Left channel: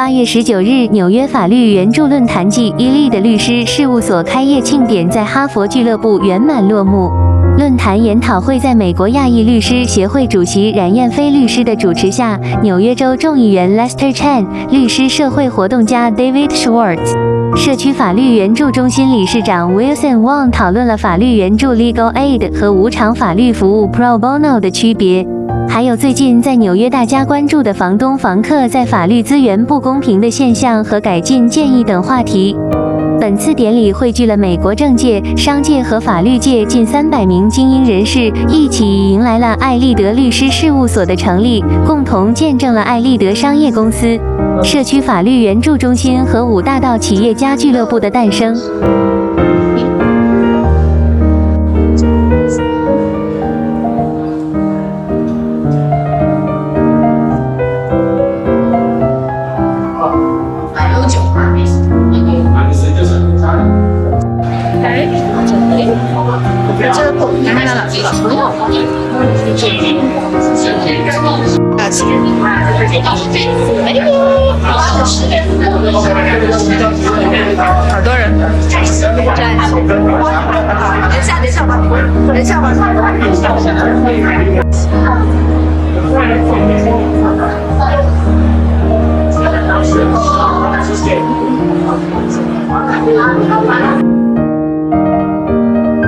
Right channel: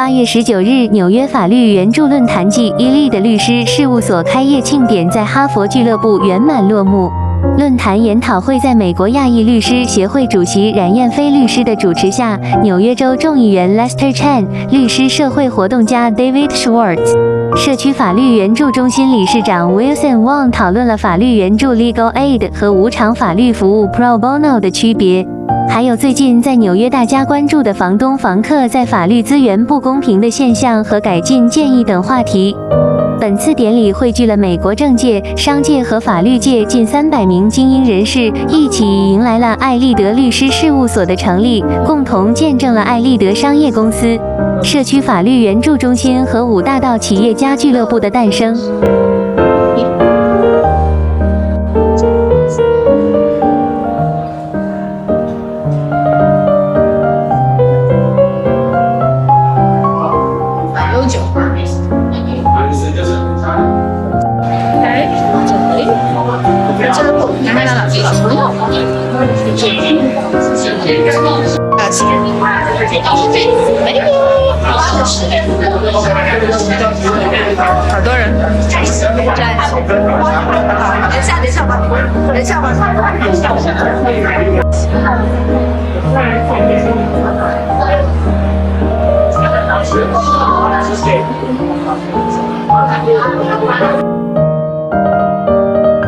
8月19日，纽约法律援助论坛暨艾利德律师事务所开业庆典在哈佛俱乐部圆满落幕。论坛研讨会在美国亚裔律师协会主席冉燕飞律师的主持下，纽约州众议员Lester Chang、律师社会活动家David Schwartz、社区法律援助中心理事长 Wilson Wong 讨论了法律援助 Legal 和无偿法律服务 Pro Bono 的区别，还有最近在纽约大家关注的房东房客在法律资源不公平的现象和改进建议等话题。本次典礼汇聚了美国政界、商界和法律界近300名精英人士，一起迎来了艾利德律师事务所的成立，共同见证了艾利德商业公司、社区法律援助中心和5大道企业家俱乐部的诞生。好多人，等一下吧。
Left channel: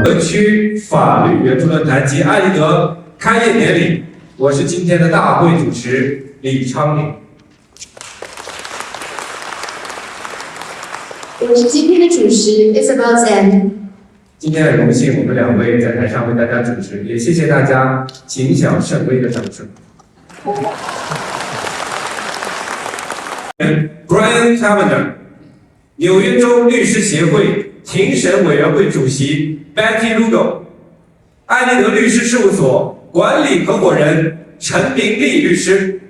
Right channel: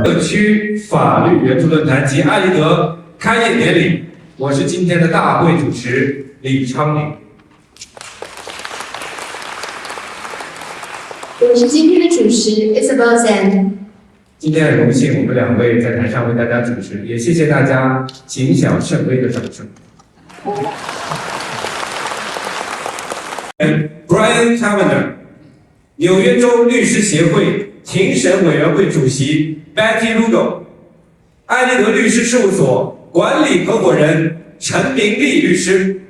社区法律援助论坛及艾利德开业典礼，我是今天的大会主持李昌永。我是今天的主持 Isabel。今天很荣幸，我们2位在台上为大家主持，也谢谢大家谨小慎微的掌声。Brian Cavender， 纽约州律师协会庭审委员会主席 Betty Legal， 艾利德律师事务所管理合伙人陈明利律师，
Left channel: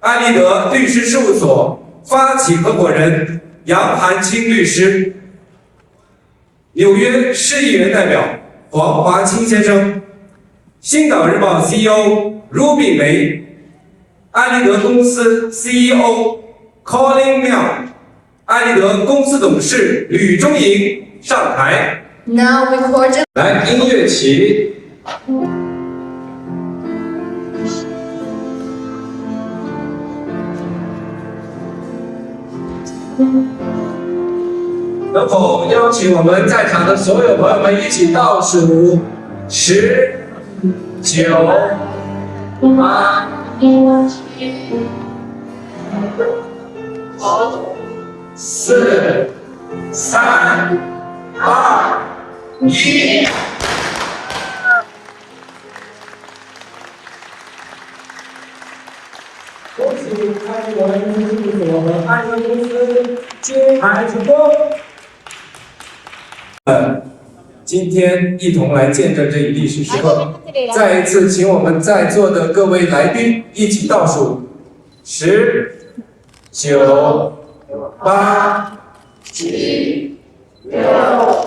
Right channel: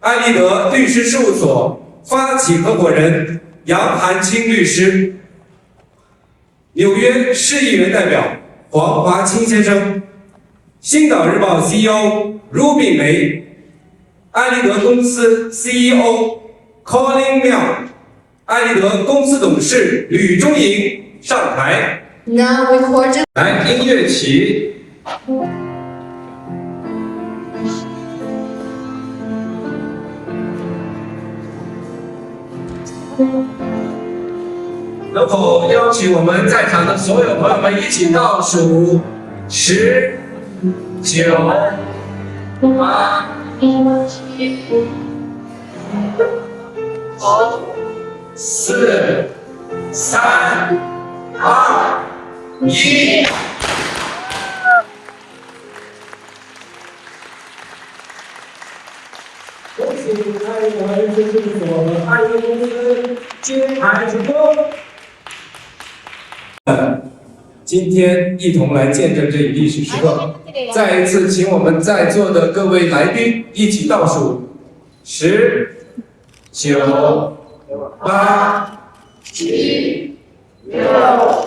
艾利德律师事务所发起合伙人杨寒清律师，纽约市议员代表黄华清先生，星岛日报 CEO 卢炳梅，艾利德公司 CEO Colin 妙，艾利德公司董事吕中莹上台。Now record。来，音乐起。能否邀请我们在场的所有朋友们一起倒数10、9、8、5、4、3、2、1。恭喜艾利德律师事务所和艾利公司揭牌成功。今天一同来见证这一历史时刻，再一次请我们在座的各位来宾一起倒数10、9、8、7、6、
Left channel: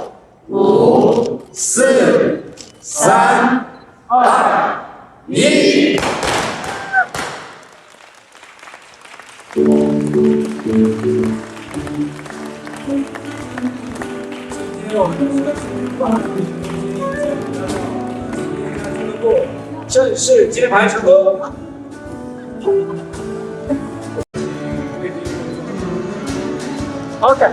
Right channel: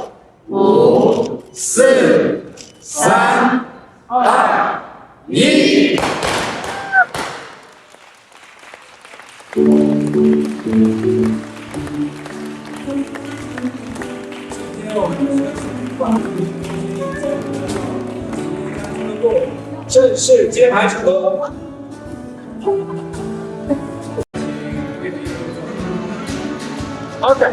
5、4、3、2、1。正式揭牌成功。好的。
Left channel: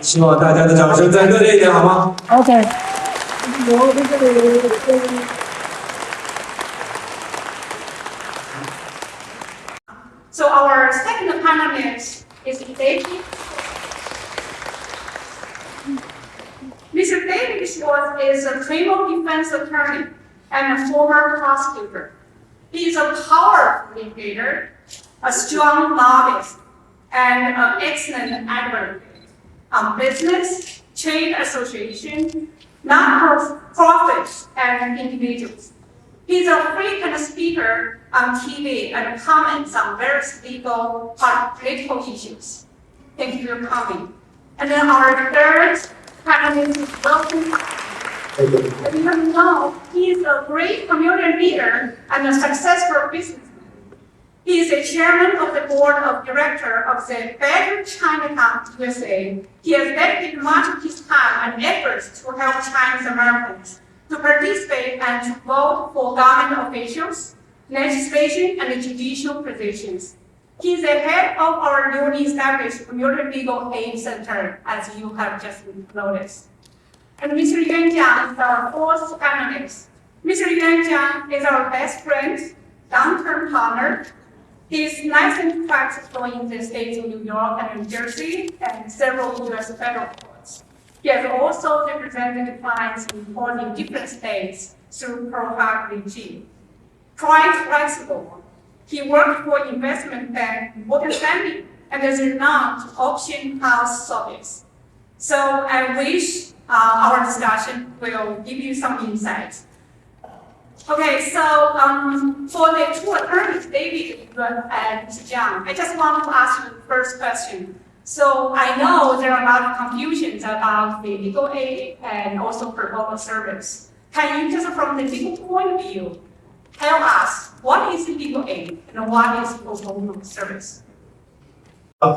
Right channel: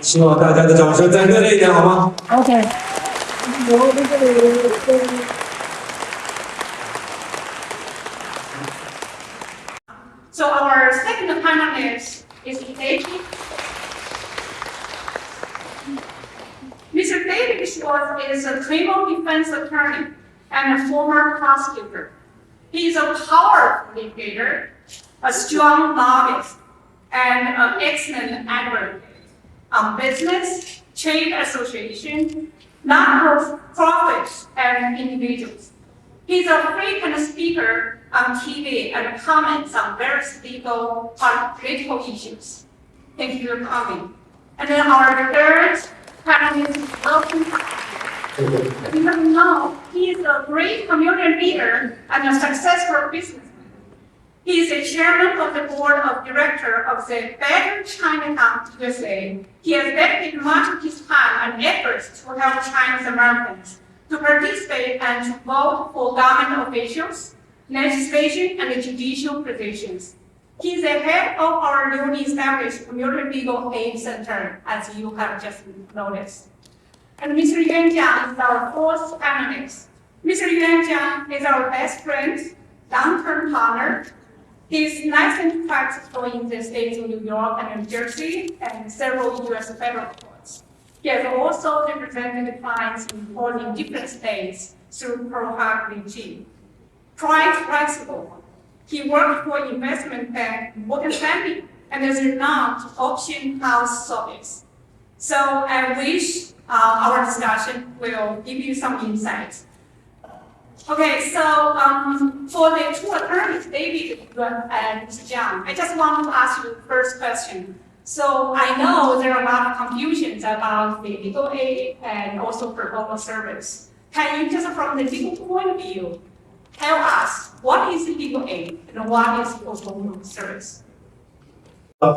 希望大家的掌声再热烈一点，好吗 ？OK。So our second panelist is David. Mr. David Schwartz is a criminal defense attorney and a former prosecutor. He is a powerful leader, a strong lobbyist, and an excellent advocate. business, trade association, non-profits, and individuals. He's a frequent speaker on TV and comments on various legal or political issues. Thank you for coming. And then our third panelist is Wilson. As you know, he is a great community leader and a successful businessman. He is the chairman of the board of directors of the Better Chinatown USA. He has dedicated much of his time and efforts to help Chinese Americans to participate and to vote for government officials, legislation, and judicial positions. He is the head of our newly established Community Legal Aid Center, as you have just noticed. And Mr. Yuan Jiang is our fourth panelist. Mr. Yuan Jiang is our best friend, long-term partner. He is licensed practitioner in the states of New York and New Jersey and several U.S. federal courts. He has also represented clients in different states through Pro Hac regime. Quite flexible. He worked for investment bank Morgan Stanley and is renowned auction house service. So I wish our discussion will give you some insights. Okay, so for the two attorneys, David and Mr. Chang, I just want to ask you the first question. So I know there are a lot of confusions about the legal aid and also pro bono service. Can you just from the legal point of view, tell us what is legal aid and what is pro bono service?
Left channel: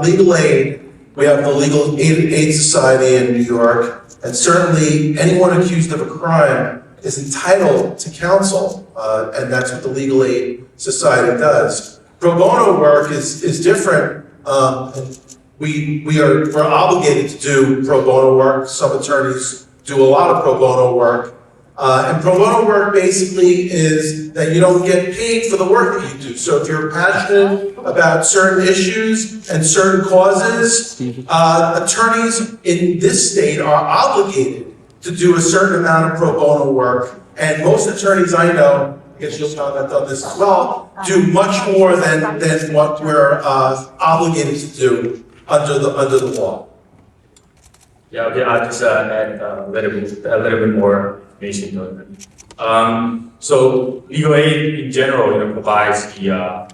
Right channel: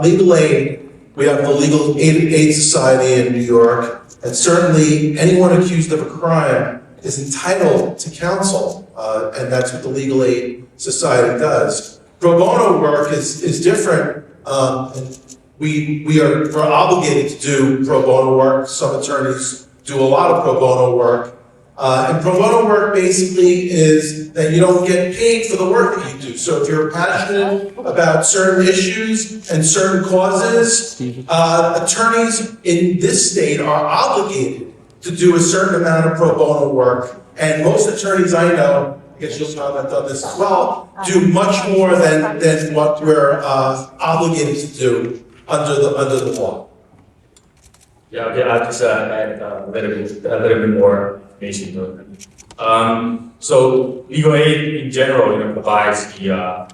Legal aid, we have the Legal Aid Society in New York, and certainly anyone accused of a crime is entitled to counsel, and that's what the Legal Aid Society does. Pro bono work is different. And we're obligated to do pro bono work. Some attorneys do a lot of pro bono work. And pro bono work basically is that you don't get paid for the work that you do. So if you're passionate about certain issues and certain causes, attorneys in this state are obligated to do a certain amount of pro bono work. And most attorneys I know, I guess you'll comment on this as well, do much more than what we're obligated to do under the law. Yeah, okay, I'll just add a little bit more information to it. So legal aid in general, provides a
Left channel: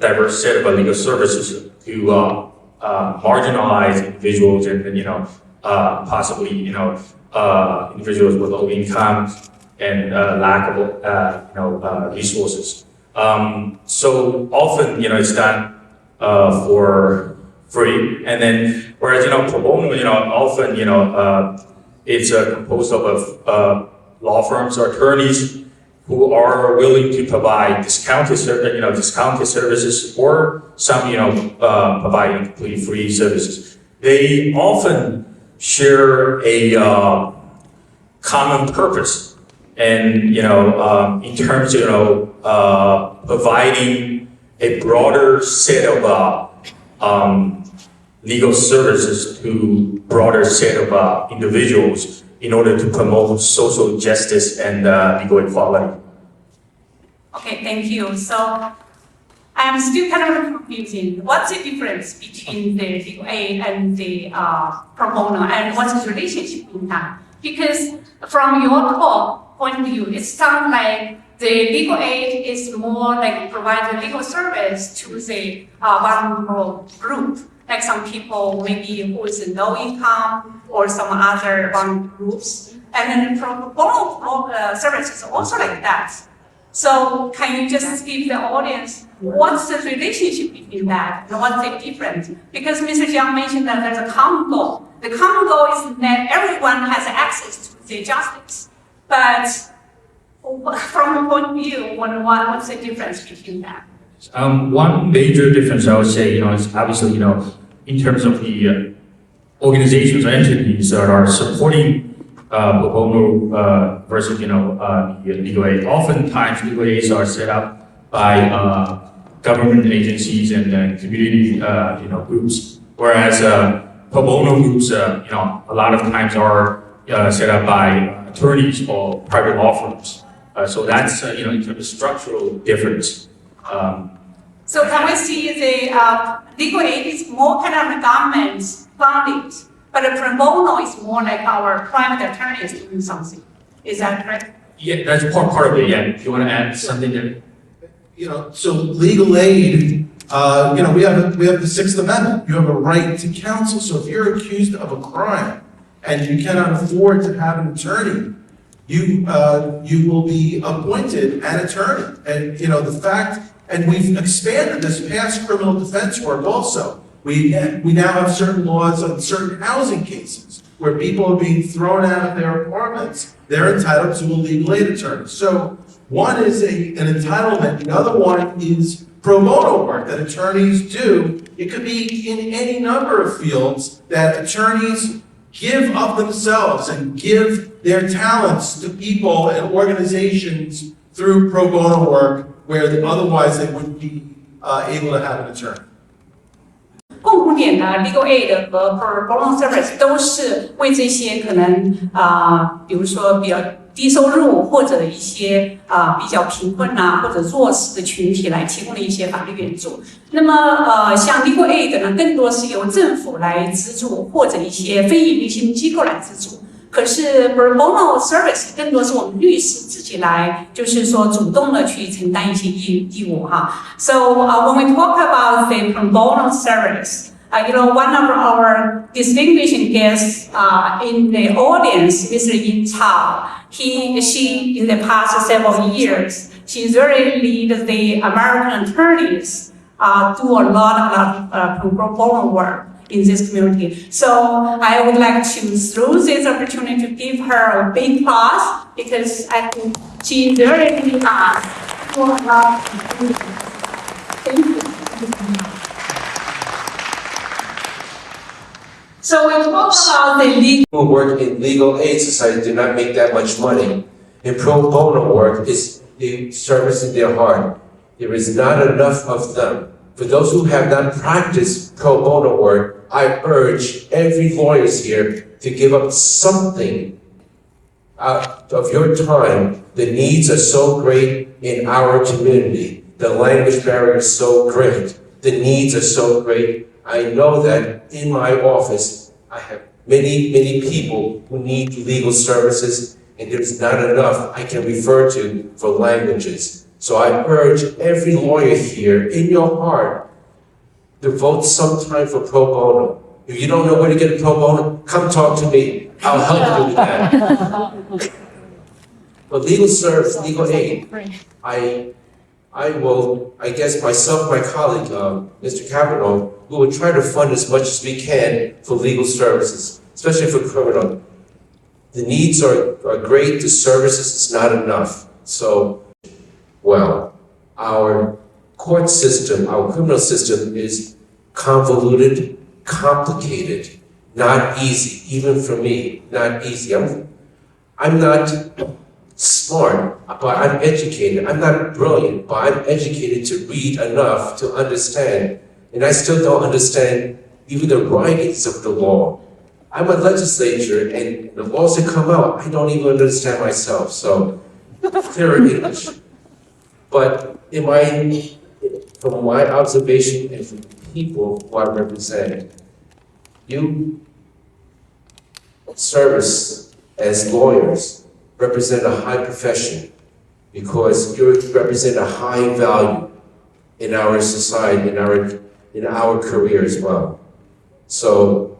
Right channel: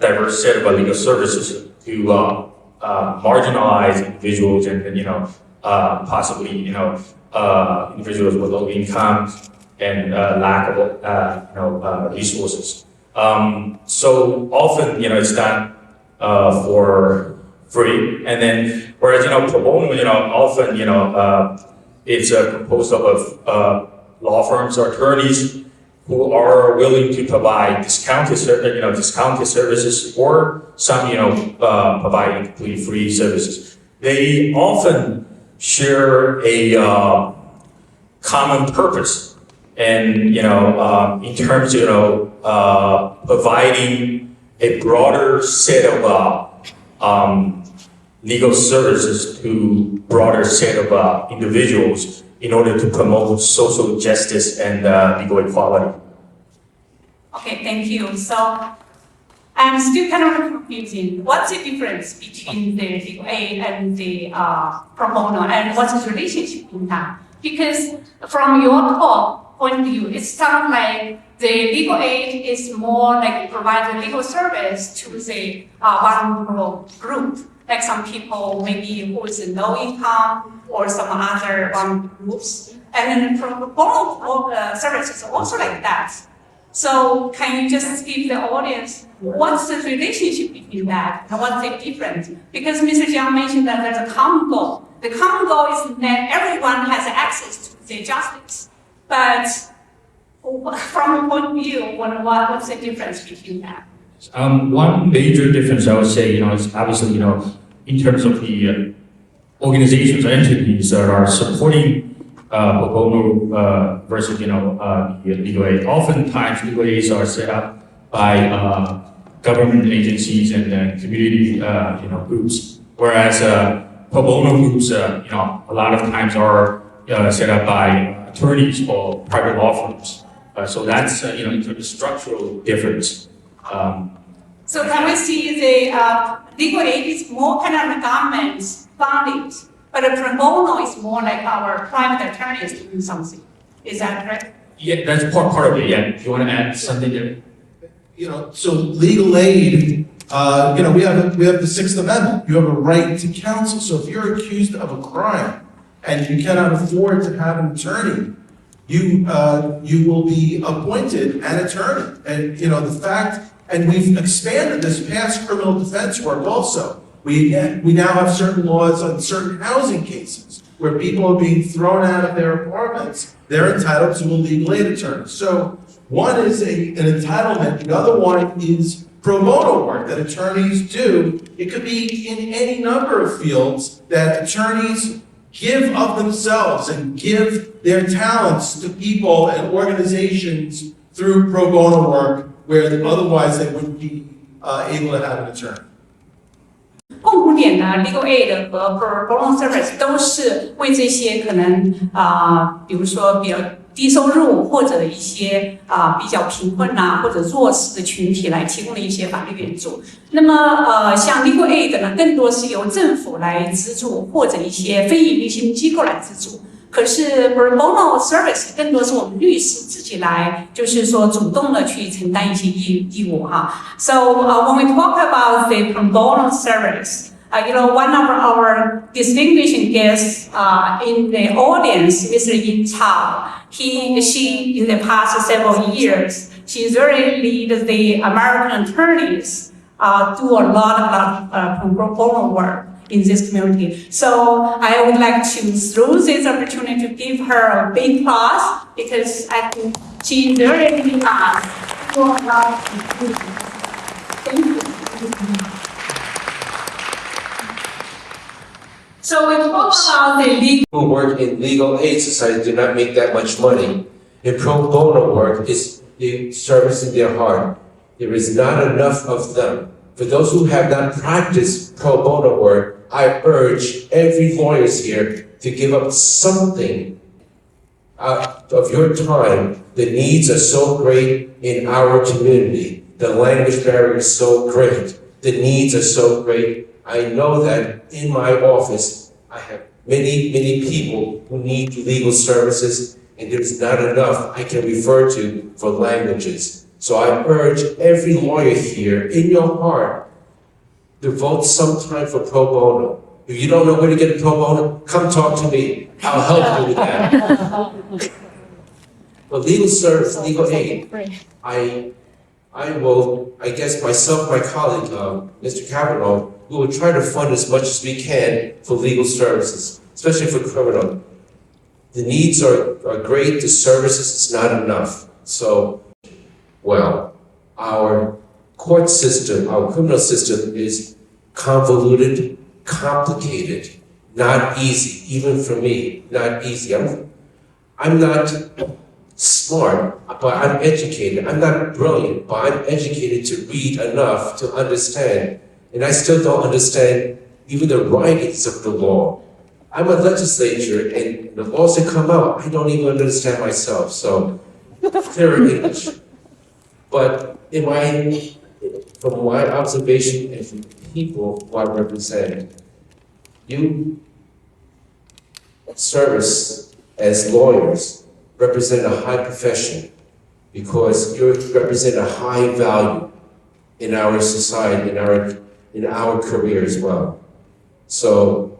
diverse set of legal services to marginalized individuals and possibly individuals with low income and lack of resources. So often it's done for free, and then whereas pro bono often it's composed of law firms or attorneys who are willing to provide discounted services, or some providing completely free services. They often share a common purpose, and in terms of providing a broader set of legal services to broader set of individuals in order to promote social justice and legal equality. Okay, thank you. So I'm still kind of confusing. What's the difference between the legal aid and the pro bono, and what's the relationship in that? Because from your talk point of view, it sounds like the legal aid is more like providing legal service to the vulnerable group, like some people maybe who is low income or some other groups. And then pro bono service is also like that. So can you just give the audience what's the relationship between that and what's the difference? Because Mr. Jiang mentioned that there's a common goal. The common goal is that everyone has access to the justice. But from your point of view, what's the difference between that? One major difference I would say, is obviously, in terms of the organizations or entities that are supporting pro bono versus, the legal aid. Oftentimes, legal aids are set up by government agencies and community, groups, whereas pro bono groups, a lot of times are set up by attorneys or private law firms. So that's, in terms of structural difference. So can we see the legal aid is more kind of government funded, but the pro bono is more like our private attorneys doing something. Is that correct? Yeah, that's part of it, yeah. If you want to add something there. So legal aid, we have the Sixth Amendment. You have a right to counsel. So if you're accused of a crime and you cannot afford to have an attorney, you will be appointed an attorney. And the fact, and we've expanded this past criminal defense work also. We now have certain laws on certain housing cases where people are being thrown out of their apartments. They're entitled to a legal aid attorney. So one is an entitlement. The other one is pro bono work that attorneys do. It could be in any number of fields that attorneys give of themselves and give their talents to people and organizations through pro bono work where otherwise they wouldn't be able to have an attorney. 共同点呢 ，legal aid 和 pro bono service 都是为这些可能比如说比较低收入或者一些比较贫困或者弱势的群体来提供的一些法律援助。那么像 legal aid 呢，更多是由政府来资助或者一些非营利性机构来资助。可是 pro bono service 更多是我们律师自己来，就是说主动的去承担一些义务哈。So when we talk about the pro bono service, one of our distinguished guests in the audience, Mr. Chang, she in the past several years, she's really lead the American attorneys do a lot of pro bono work in this community. So I would like to, through this opportunity, to give her a big applause because I think she really do a lot of good. Thank you. So we talk about the legal. Who work in legal aid society do not make that much money. And pro bono work is the service in their heart. There is not enough of them. For those who have not practiced pro bono work, I urge every lawyer here to give up something out of your time. The needs are so great in our community. The language barrier is so great. The needs are so great. I know that in my office, I have many people who need legal services, and there's not enough I can refer to for languages. So I urge every lawyer here, in your heart, devote some time for pro bono. If you don't know where to get a pro bono, come talk to me. I'll help you with that. But legal service, legal aid, I will, I guess myself, my colleague, Mr. Cavanaugh, we will try to fund as much as we can for legal services, especially for criminal. The needs are great, the services is not enough. So, well, our court system, our criminal system is convoluted, complicated, not easy, even for me, not easy. I'm not smart, but I'm educated. I'm not brilliant, but I'm educated to read enough to understand. And I still don't understand even the writings of the law. I'm a legislator, and the laws that come out, I don't even understand myself. So, clear English. But from my observation and from the people who I represent, you service as lawyers represent a high profession because you represent a high value in our society, in our career as well. So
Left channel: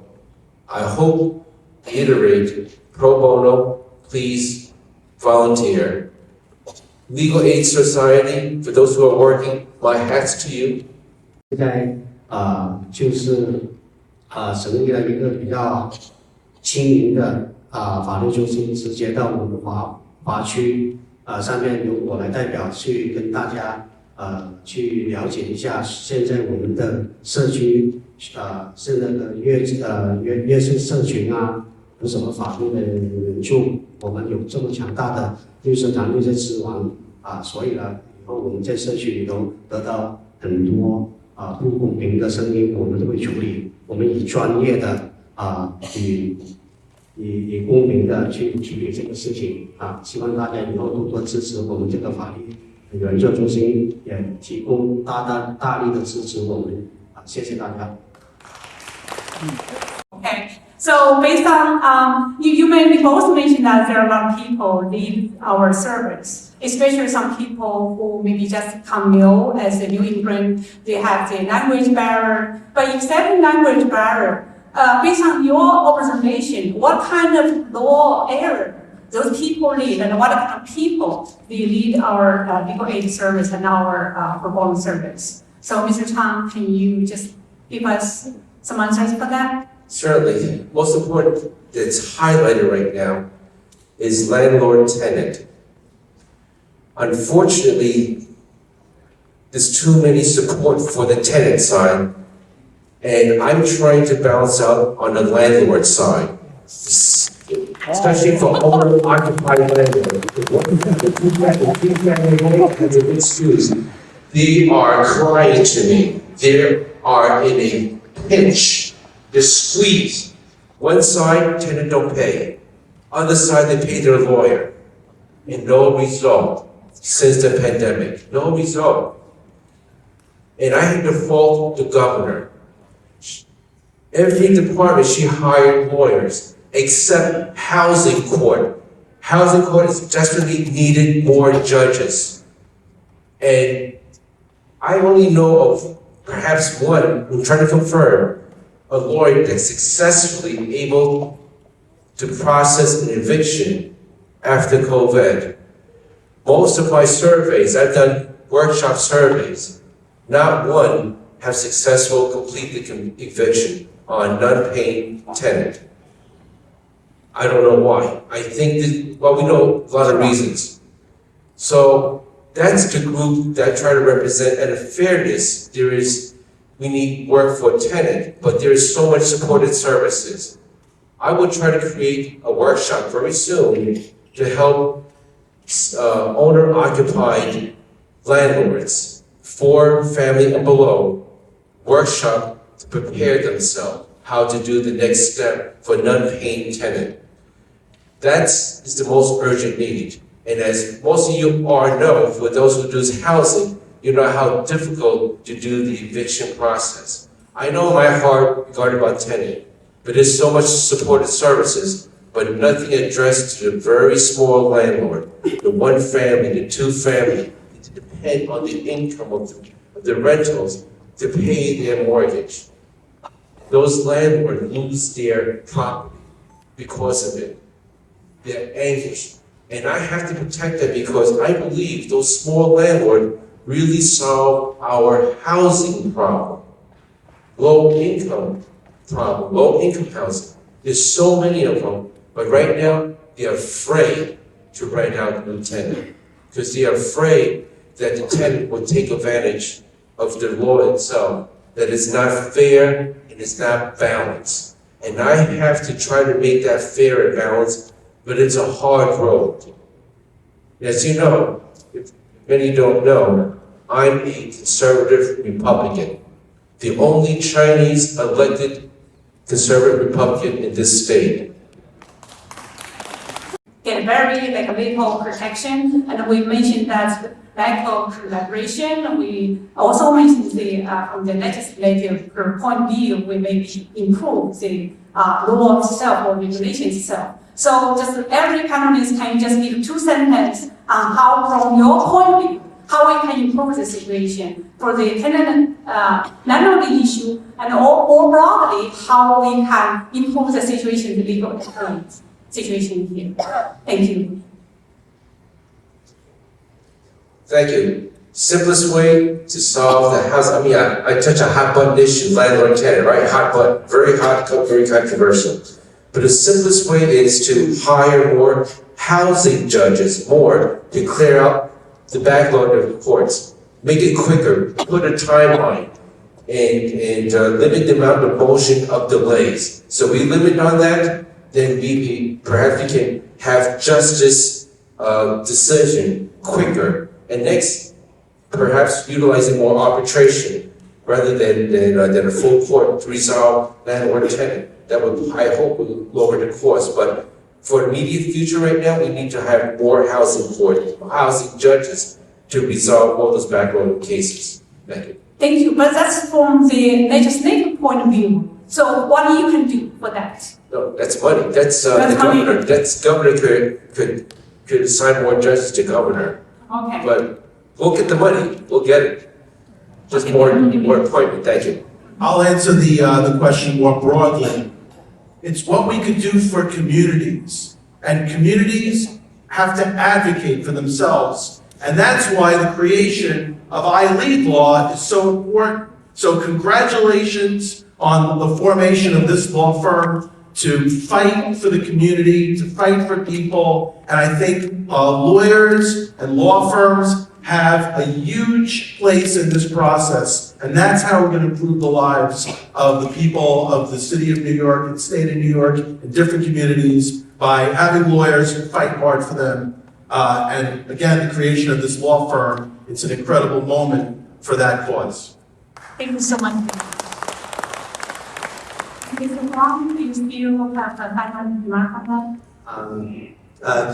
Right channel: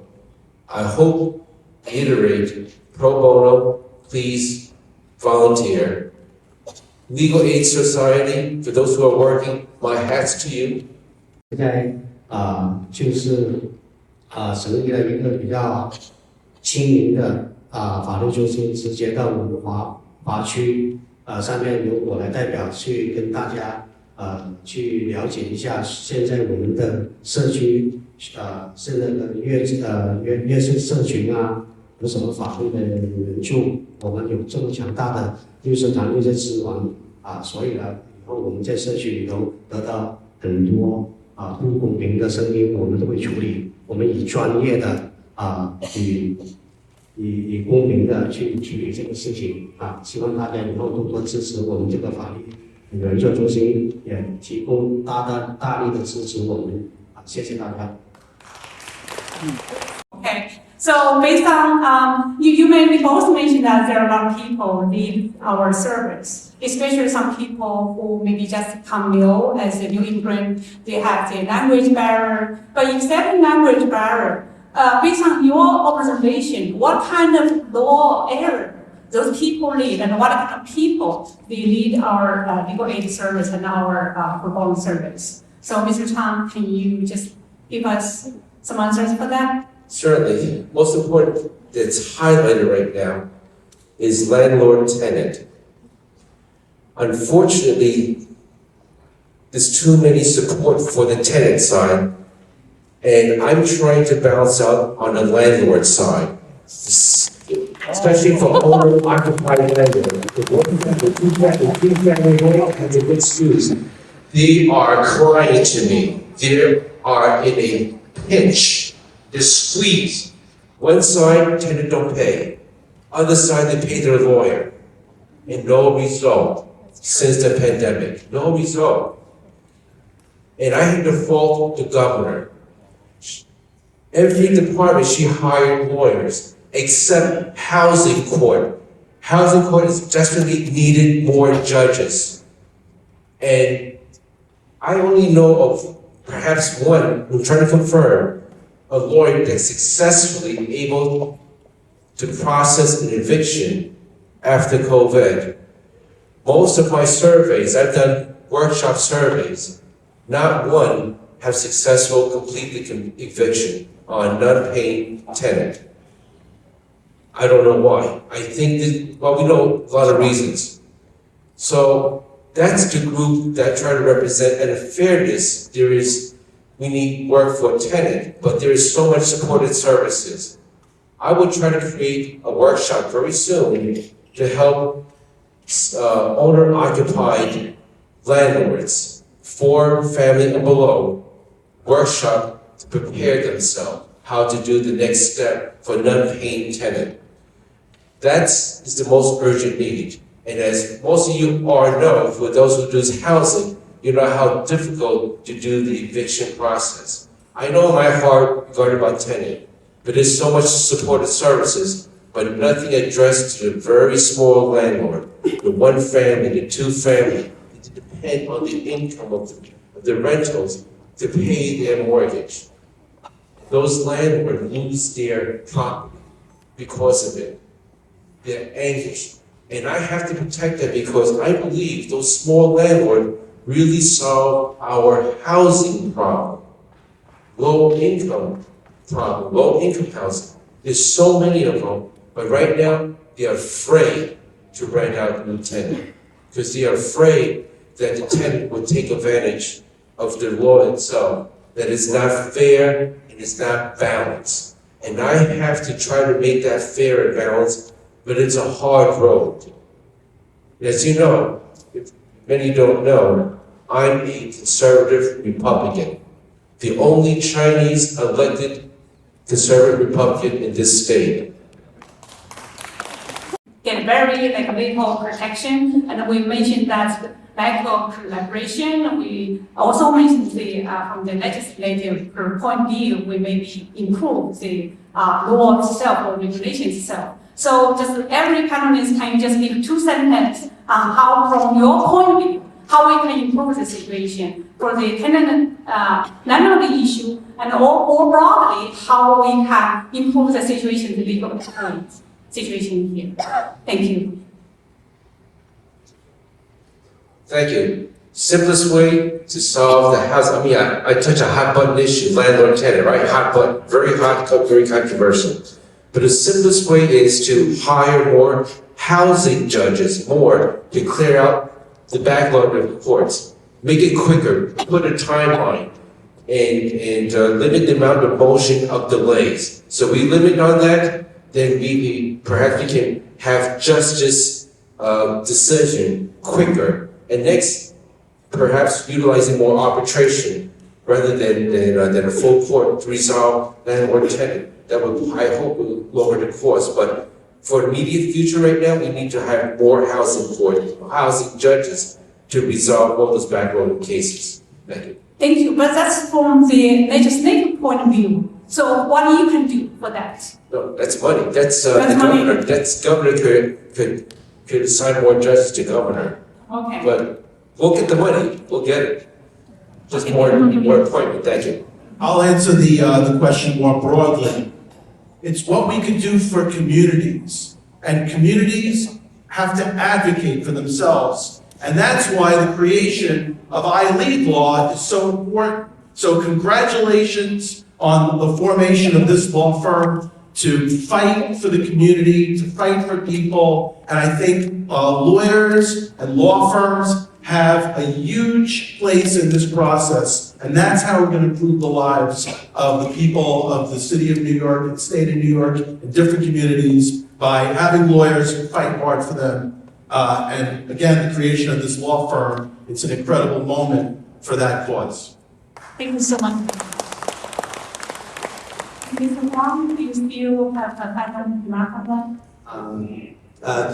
I hope, reiterate, pro bono, please volunteer. Legal Aid Society, for those who are working, my hat's to you. 现在成立了一个比较亲民的法律中心，直接到我们华区上面由我来代表去跟大家去了解一下现在我们的社区现在的弱势社群有什么法律的援助，我们有这么强大的律师团队在支援所以呢以后我们在社区里头得到很多不公平的声音，我们都会处理，我们以专业的以公平的去处理这个事情希望大家以后多多支持我们这个法律援助中心也提供大力的支持我们谢谢大家。Okay, so based on, you both mentioned that there are a lot of people leave our service, especially some people who maybe just come new as a new immigrant, they have the language barrier, but except language barrier, based on your observation, what kind of law area those people lead and what kind of people they lead our legal aid service and our pro bono service? So Mr. Chang, can you just give us some answers for that? Certainly, most important that's highlighted right now is landlord-tenant. Unfortunately, there's too many support for the tenant side, and I'm trying to balance out on the landlord side, especially for owner-occupied landlords. They are crying to me. They are in a pinch. They're squeezed. One side, tenant don't pay. Other side, they pay their lawyer. And no result since the pandemic. No result. And I had to fault the governor. Every department, she hired lawyers, except housing court. Housing court is desperately needed more judges. And I only know of perhaps one, I'm trying to confirm, a lawyer that's successfully able to process an eviction after COVID. Most of my surveys, I've done workshop surveys, not one have successful completed eviction on non-paying tenant. I don't know why. I think that, well, we know a lot of reasons. So that's the group that I try to represent, and in fairness, we need work for a tenant, but there is so much supported services. I would try to create a workshop very soon to help owner-occupied landlords, 4 family and below, workshop to prepare themselves how to do the next step for non-paying tenant. That is the most urgent need. And as most of you already know, for those who do housing, you know how difficult to do the eviction process. I know my heart regarding about tenant, but there's so much supported services, but nothing addressed to the very small landlord, the 1 family, the 2 family, to depend on the income of the rentals to pay their mortgage. Those landlords lose their property because of it. They're anxious. And I have to protect them because I believe those small landlords really solve our housing problem. Low income problem, low income housing. There's so many of them, but right now they're afraid to rent out to the tenant because they are afraid that the tenant will take advantage of the law itself, that it's not fair and it's not balanced. And I have to try to make that fair and balanced, but it's a hard road. As you know, if many don't know, I'm a conservative Republican, the only Chinese elected conservative Republican in this state. Get very legal protection, and we mentioned that lack of collaboration. We also mentioned from the legislative point of view, we maybe improve the law itself or regulation itself. So just every panelist can just give 2 sentences on how, from your point of view, how we can improve the situation for the tenant landlord issue, and more broadly, how we can improve the situation, the legal situation here. Thank you. Thank you. Simplest way to solve the house, I mean, I touch a hot button issue, landlord tenant, right? Hot button, very hot, very controversial. But the simplest way is to hire more housing judges, more to clear out the backlog of the courts. Make it quicker, put a timeline, and limit the amount of motion of delays. So we limit on that, then perhaps we can have justice decision quicker. And next, perhaps utilizing more arbitration rather than a full court to resolve landlord tenant. That would, I hope, will lower the cost. But for the immediate future right now, we need to have more housing courts, housing judges to resolve all those backlog cases. Thank you. Thank you, but that's from the legislative point of view. So what you can do for that? No, that's money. That's That's the money. governor. That's governor could assign more judges to governor. Okay. But we'll get the money. We'll get it. Just more appointment. Thank you. I'll answer the question more broadly. It's what we could do for communities, and communities have to advocate for themselves. And that's why the creation of iLead law is so important. So congratulations on the formation of this law firm to fight for the community, to fight for people. And I think lawyers and law firms have a huge place in this process. And that's how we're going to improve the lives of the people of the city of New York and state of New York and different communities by having lawyers who fight hard for them. And again, the creation of this law firm, it's an incredible moment for that cause. Thank you so much. Mr. Wong, do you still have a final remark?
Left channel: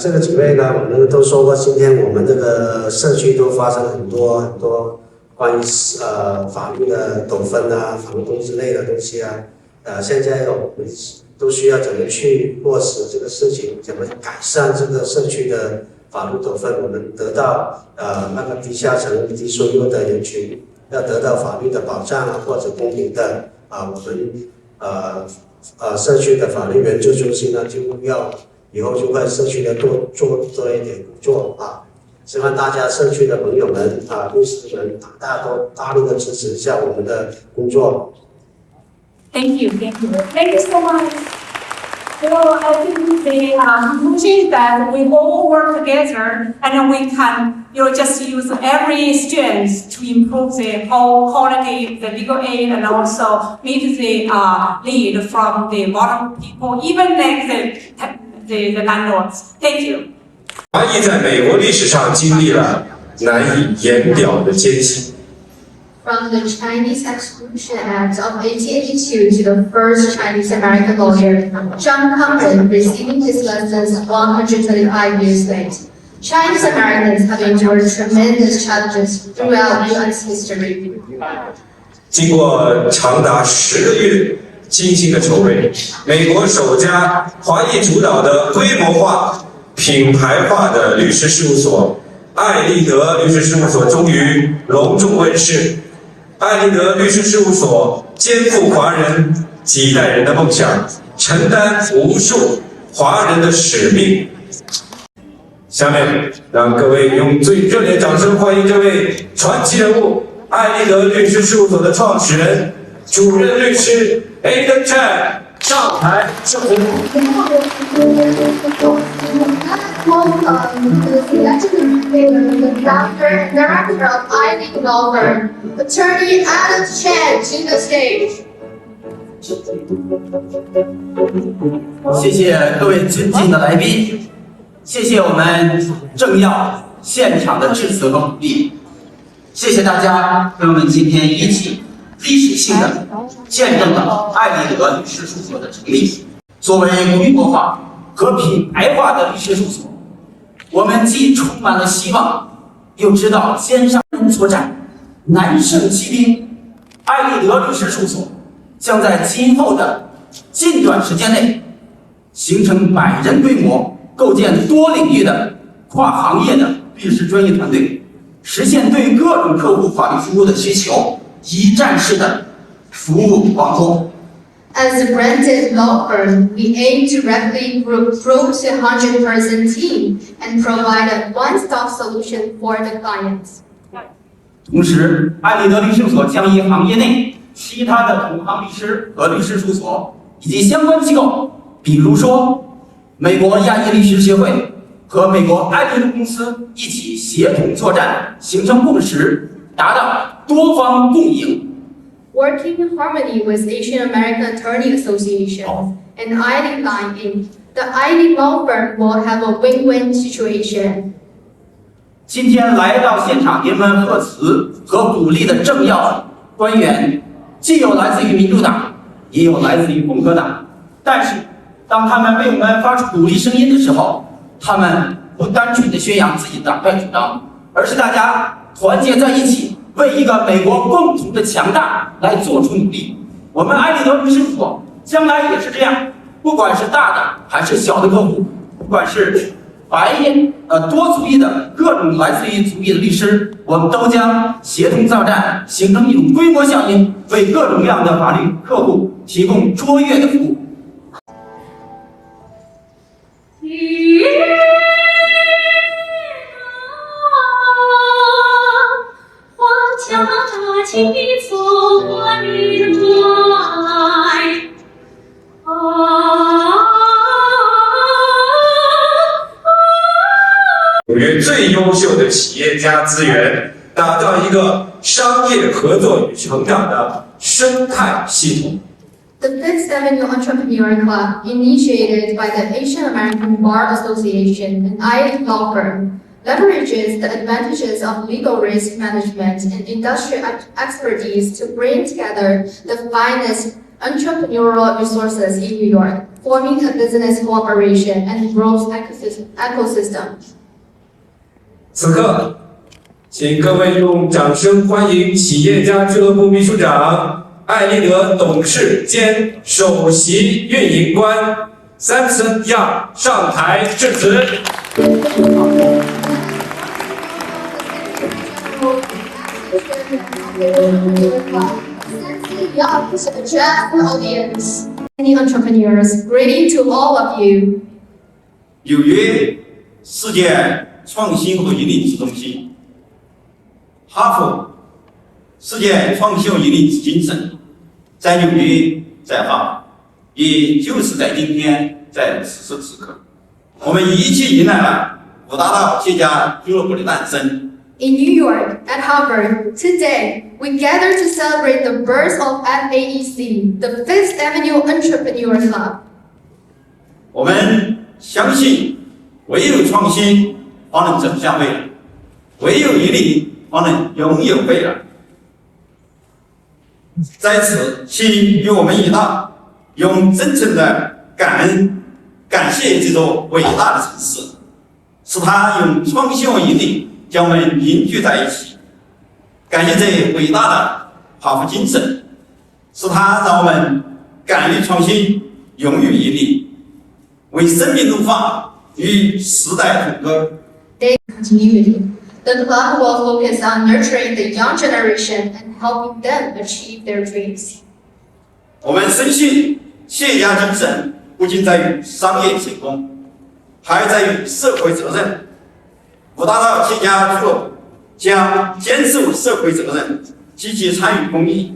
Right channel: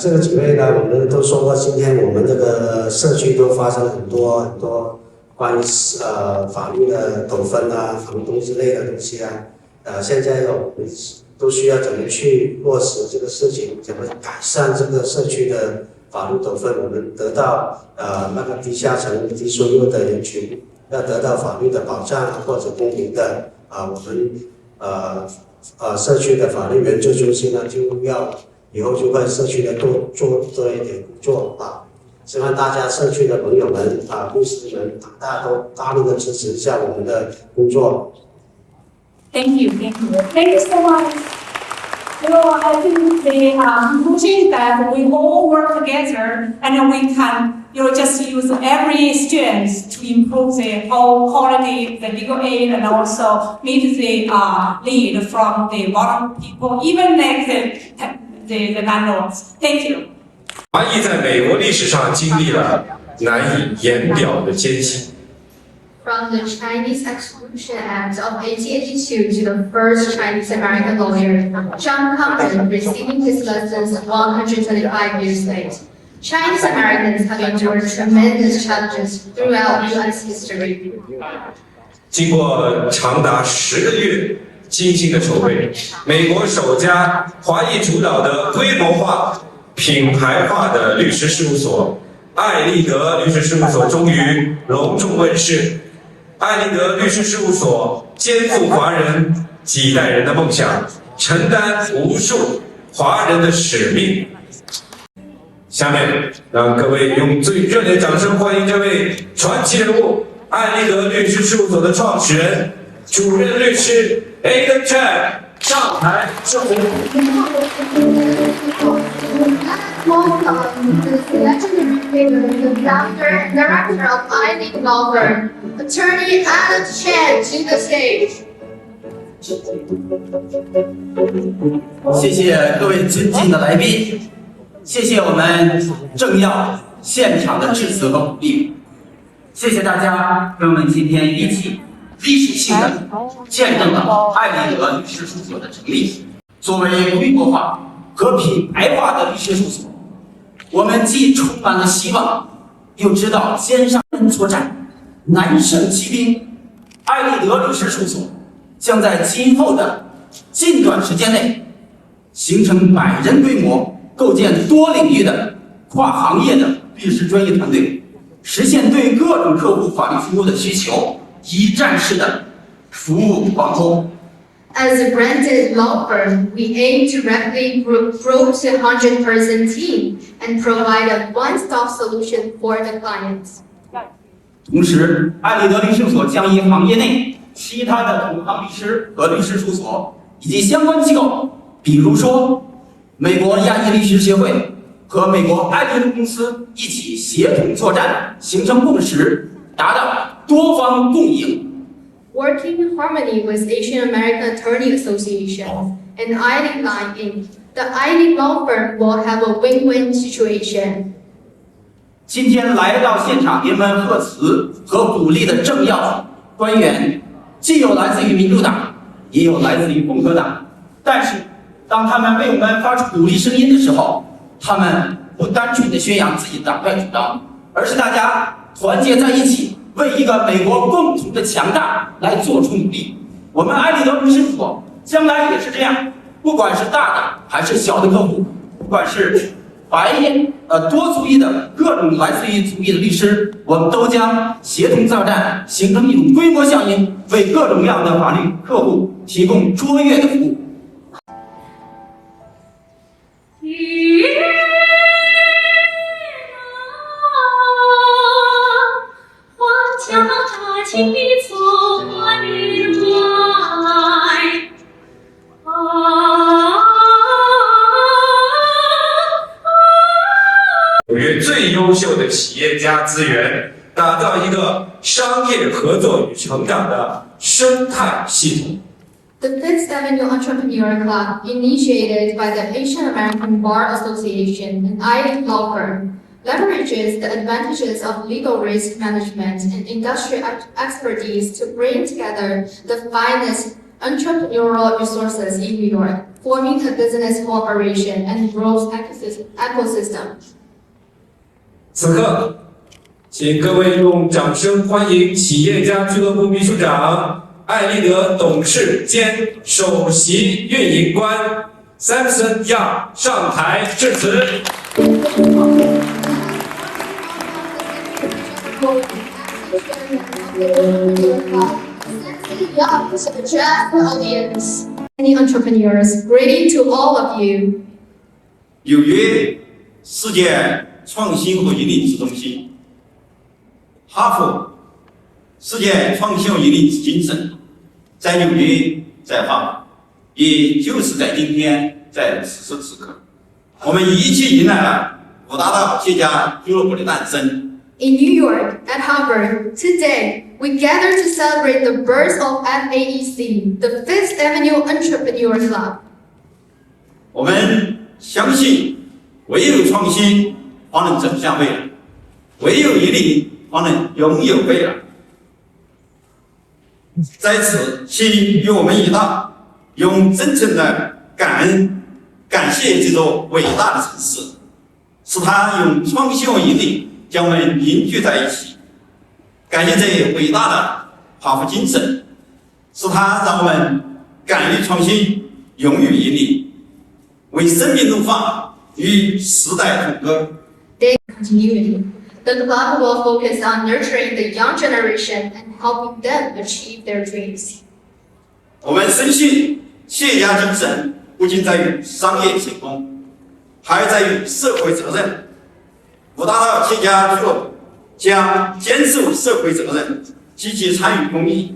这个几位呢，我们都说过，今天我们这个社区都发生了很多关于法律的斗纷啊、房东之类的东西啊。现在我们都需要怎么去落实这个事情，怎么改善这个社区的法律斗纷，我们得到那个低下层、低收入的人群要得到法律的保障啊，或者公平的我们社区的法律援助中心呢，就要以后就会社区的做一点工作啊。希望大家社区的朋友们律师们大家都大力的支持一下我们的工作。Thank you so much. I think the conclusion is that we all work together and we can, just use every strength to improve the whole quality, the legal aid, and also meet the need from the bottom people, even like the landlords. Thank you. 华裔在美国历史上经历了难以言表的艰辛。From the Chinese Exclusion Act of 1882 to the first Chinese American lawyer, Chang receiving his lessons 125 years late. Chinese Americans have endured tremendous challenges throughout U.S. history. 经过长达10个月精心的筹备，美国首家华裔主导的规模化、品牌化的律师事务所——艾利德律师事务所终于隆重问世。艾利德律师事务所肩负华人几代人的梦想，承担无数华人的使命。下面，让各位用最热烈的掌声欢迎这位传奇人物——艾利德律师事务所的创始人、主任律师 Chang 上台致辞。The founder and director of iLead Law Firm, Attorney Chang, to the stage. 谢谢各位尊敬的来宾，谢谢我们政要现场的致辞和鼓励，谢谢大家跟我们今天一起历史性的见证了艾利德律师事务所的成立。作为规模化和品牌化的律师事务所，我们既充满了希望，又知道肩上人作战，难胜其兵。艾利德律师事务所将在今后的近短时间内形成100人规模，构建多领域的跨行业的律师专业团队，实现对各种客户法律服务的需求一站式的服务网络。As a branded law firm, we aim to rapidly grow to a 100-person team and provide a one-stop solution for the clients. 同时，艾利德律师事务所将以行业内其他的同行律师和律师事务所以及相关机构，比如说美国亚裔律师协会和美国艾利德公司一起协同作战，形成共识，达到多方共赢。Working in harmony with Asian American Attorney Association and iLead Line Inc., the iLead Law Firm will have a win-win situation. 今天来到现场给我们贺词和鼓励的政要官员，既有来自于民主党，也有来自于共和党。但是，当他们为我们发出鼓励声音的时候，他们不单纯的宣扬自己的党派主张，而是大家团结在一起，为一个美国共同的强大来做出努力。我们艾利德律师事务所将来也是这样，不管是大的还是小的客户，不管是白人多族裔的各种来自于族裔的律师，我们都将协同作战，形成一种规模效应，为各种各样的法律客户提供卓越的服务。纽约最优秀的企业家资源，打造一个商业合作与成长的生态系统。The Fifth Avenue Entrepreneur Club, initiated by the Asian American Bar Association and IALIC law firm, leverages the advantages of legal risk management and industry expertise to bring together the finest entrepreneurial resources in New York, forming a business cooperation and growth ecosystem. 此刻，请各位用掌声欢迎企业家俱乐部秘书长、艾利德董事兼首席运营官 Samson Young 上台致辞。Young to address the audience. Many entrepreneurs, greeting to all of you. 纽约世界创新和引领之中心，哈佛世界创新和引领之精神，在纽约，在哈佛，也就是在今天，在此时此刻，我们一起迎来了五大道企业家俱乐部的诞生。In New York, at Harvard, today, we gather to celebrate the birth of FAEC, the Fifth Avenue Entrepreneur Club. 我们相信，唯有创新方能走向未来，唯有引领方能拥有未来。在此，请与我们一道，用真诚的感恩、感谢这座伟大的城市，使它用创新和引领将我们凝聚在一起。感谢这伟大的哈佛精神，使它让我们敢于创新，勇于引领，为生命怒放，与时代同歌。Continuity. The club will focus on nurturing the young generation and helping them achieve their dreams. 我们深信，企业家精神不仅在于商业成功，还在于社会责任。五大道企业家俱乐部将坚守社会责任，积极参与公益，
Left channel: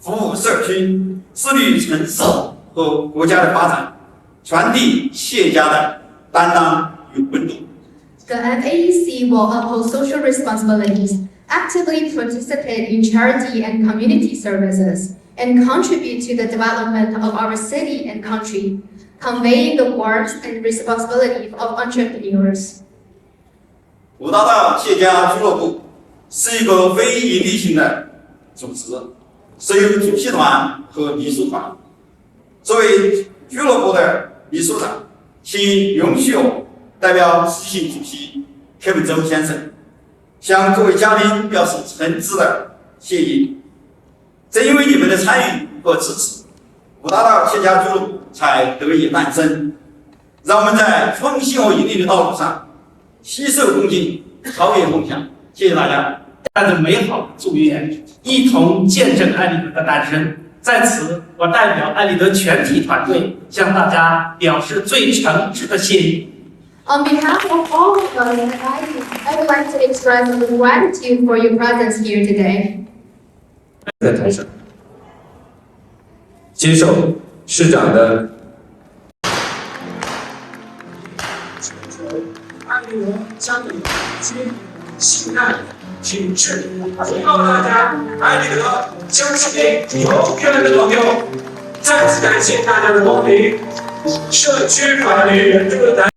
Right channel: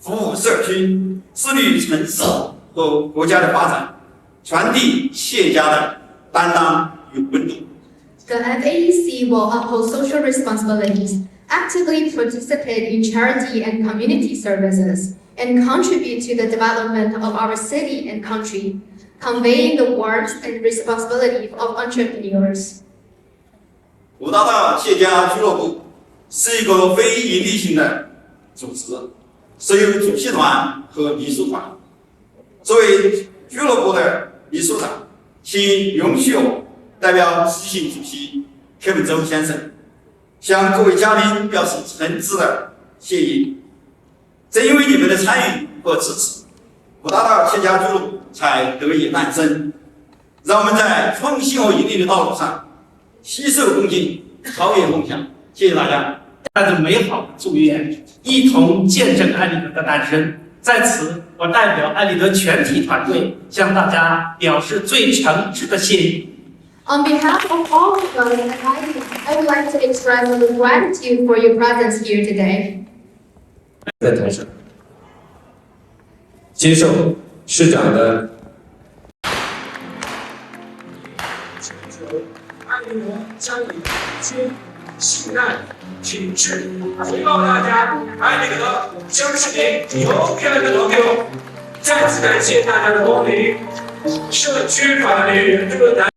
服务社区，致力于城市和国家的发展，传递企业家的担当与温度。The FAEC will uphold social responsibilities, actively participate in charity and community services, and contribute to the development of our city and country, conveying the warmth and responsibility of entrepreneurs. 五大道企业家俱乐部是一个非营利性的组织，设有主席团和秘书团。作为俱乐部的秘书长，请允许我代表执行主席柯文周先生，向各位嘉宾表示诚挚的谢意。正因为你们的参与和支持，五大道企业家俱乐部才得以诞生。让我们在创新和引领的道路上携手共进，超越梦想。谢谢大家，带着美好的祝愿，一同见证艾利德的诞生。在此，我代表艾利德全体团队向大家表示最诚挚的谢意。On behalf of all of us at IALIC, I would like to express our gratitude for your presence here today. 在台上接受市长的。艾利德将以君信赖品质回报大家。艾利德将是您永远的朋友。再次感谢大家的光临。社区法律援助论坛。